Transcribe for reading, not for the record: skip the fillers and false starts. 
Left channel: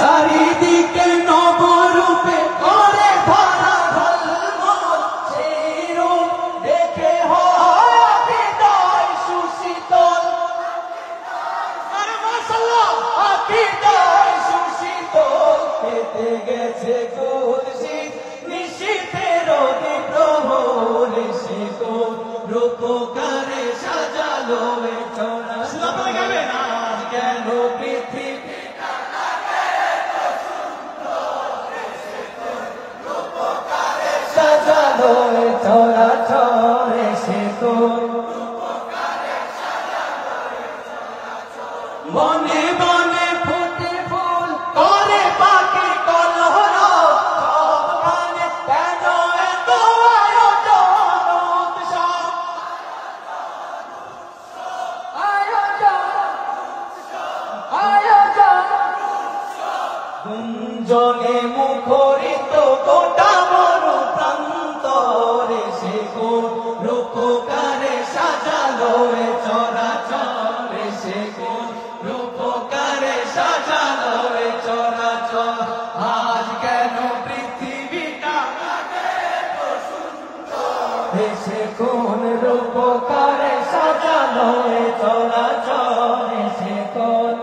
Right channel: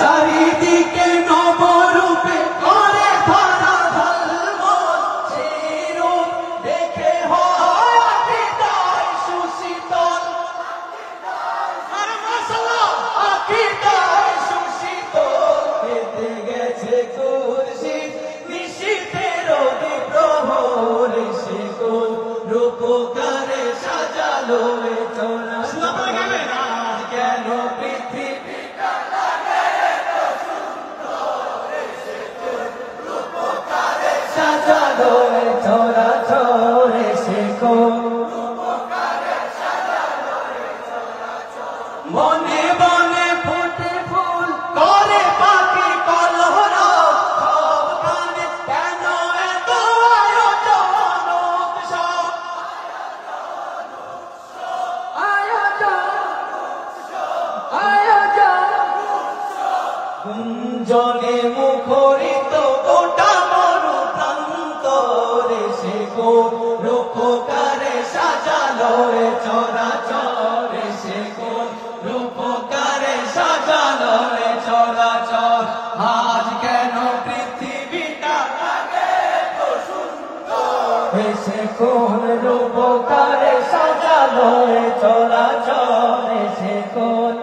চারিদিকে নবরূপে করে ভরা ঝলমল, সেই রূপ দেখে হয় আকীদায় সুশীতল। আর মাশাআল্লাহ আকীদায় সুশীতল, পেতে গেছে খুরশিদ নিশীথের বিপ্রহর, সে কোন রূপকারে সাজালো এ চরা। আপনারা গাইবেন কেন পৃথিবী সাজালো এ চরাচর, সে কোন বনে বনে ফুটে ফুল করে পাখি কলরব, সবখানে কেন এত আয়োজন উৎসব। গুঞ্জনে মুখরিত গোটা মরু প্রান্তরে, সে কোন রূপকারে সাজালো এ চরাচর, সে কোন রূপকারে সাজালো এ চরাচর। আজ কেন পৃথিবীটা সে কোন রূপকারে সাজালো এ চরাচর, সে কোন